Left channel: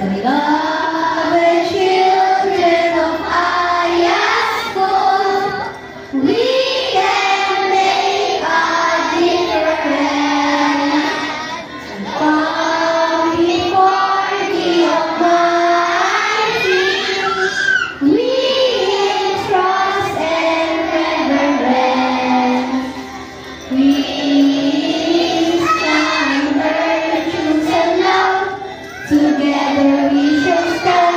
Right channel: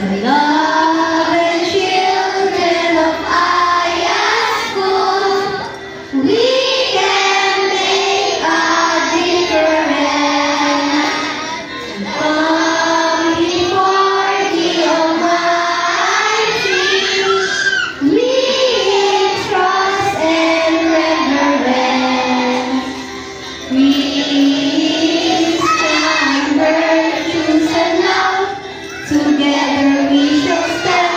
Beloved children of higher school, we can make a difference. Come before the Almighty, we in trust and reverence. We stand virtues and love. Together we shall stand.